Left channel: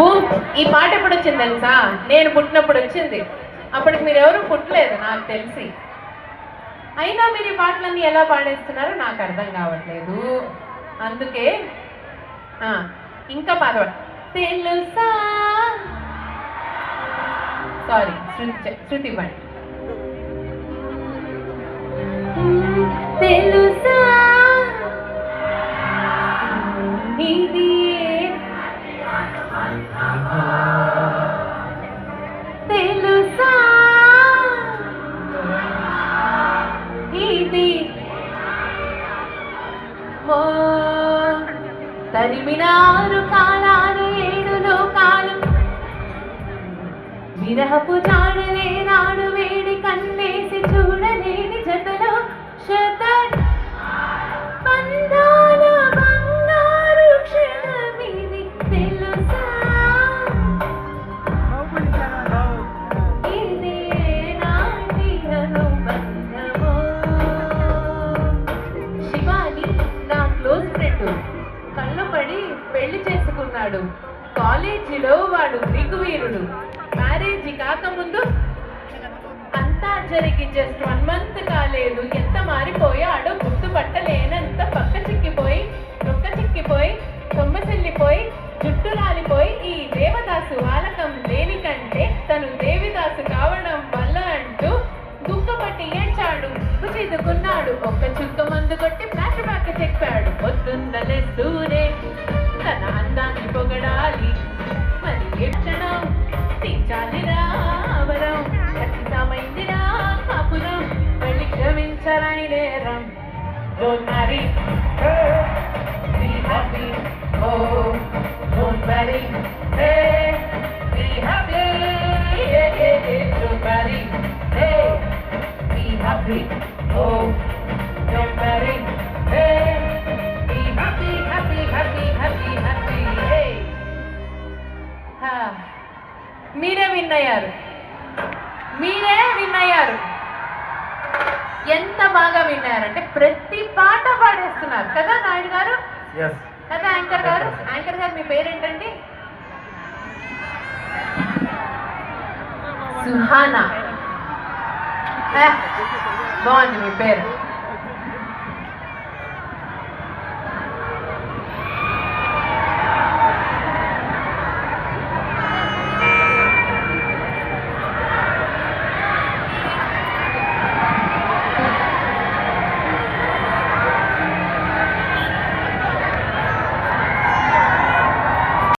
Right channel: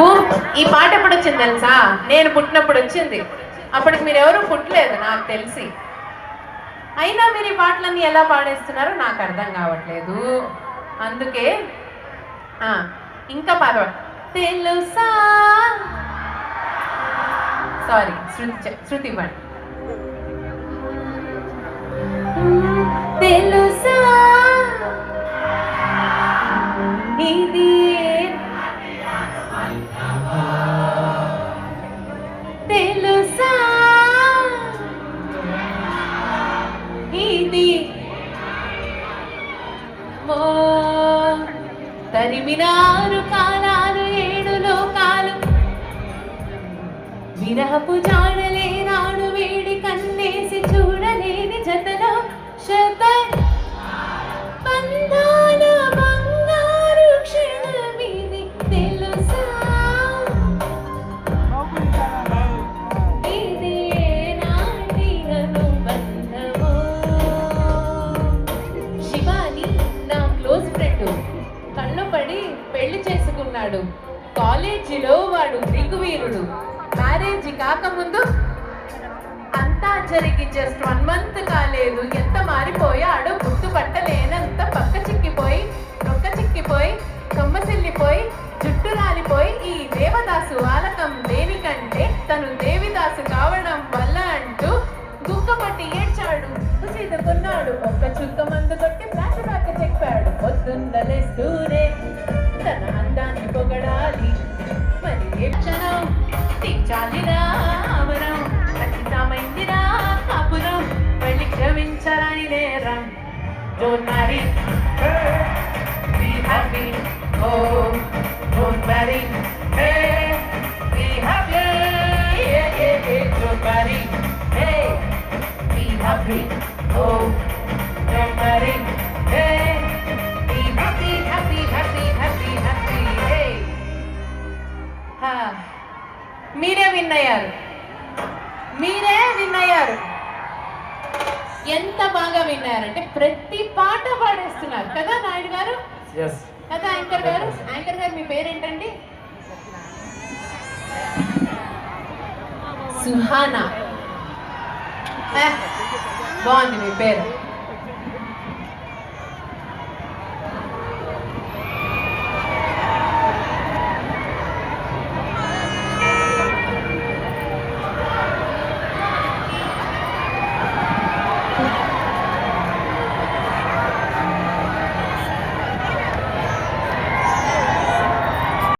Boom ఈ పాట ఎప్పుడు వచ్చింది తెలుసా? నేను పుట్టినప్పుడు వచ్చింది. అప్పటికి మీరు ఎవరు పుట్టలేదు నాకు తెలిసి. అయినా మీరు ఈ పాటలన్నీ ఎలా పాడేస్తున్నారో నాకు అర్థం కావట్లేదు. అందుకే ఇంకా పాట తెలుసా, సారీ శృతి పాట. తెలుసా ఇది తెలుసా ఇది తరిమినారు కాలాలు ఏడు లోకాలు విరహపు జాడలేనాడు వేడి కన్నేసి చూడలేని జతలో శత బంధాల బంగారు క్షణమిది తెలుసా ఇది ఏనాటి అనుబంధమో. శివాని నా క్లోజ్ ఫ్రెండ్ కళ్ళు పడి పెళ్లి చేసుకున్నాడు. కాలేజీలో వాడు దిగువీరుడు. మ్యారేజ్ కాకముందు అంతా జరిగి జస్ట్ 1 month కాలేదు, ఎంత మారిపోయాడో గుర్తుపట్టలేనంత పక్క చిక్కిపోయి నొక్క చిక్కిపోయి కొమ్మసిల్లిపోయి జుట్టు రాలిపోయి ఈ దేవదాసు వాలకం దేనికంటే తను దేవిదాసు కావడం వల్ల అంటూ గుక్కపట్టి ఏడ్చాడు, కున్నాడు. ఒక్క చుక్క మందు కొట్టి ఫ్లాష్ బ్యాక్ చెప్పాడు. పొద్దున్నలేస్తూనే తన అందాన్ని పొగడాలి, మరి ఏ క్షణం తీర్చాలినా అమరం, ఖచ్చితమైందినా కాపురం, వెళ్ళి క్షమించరాని నేరం. Don't marry her, be happy, oh, don't marry, hey, be happy, yeah, yeah, yeah. Don't marry, hey, be happy, oh, don't marry, hey, be happy, happy, happy, happy, happy, hey. మీరే విన్ అయ్యారు, మీరే win అయ్యారు. ఎంత బాగా విన్నారంటే ప్రతి పాట పాడేస్తున్నారు కదా నాయుడు గారు, కదా యాంకర్ గారు. యాంకర్ గారు మీ పేరేంటండి? సుహానా. బాగుంది మీ పేరు.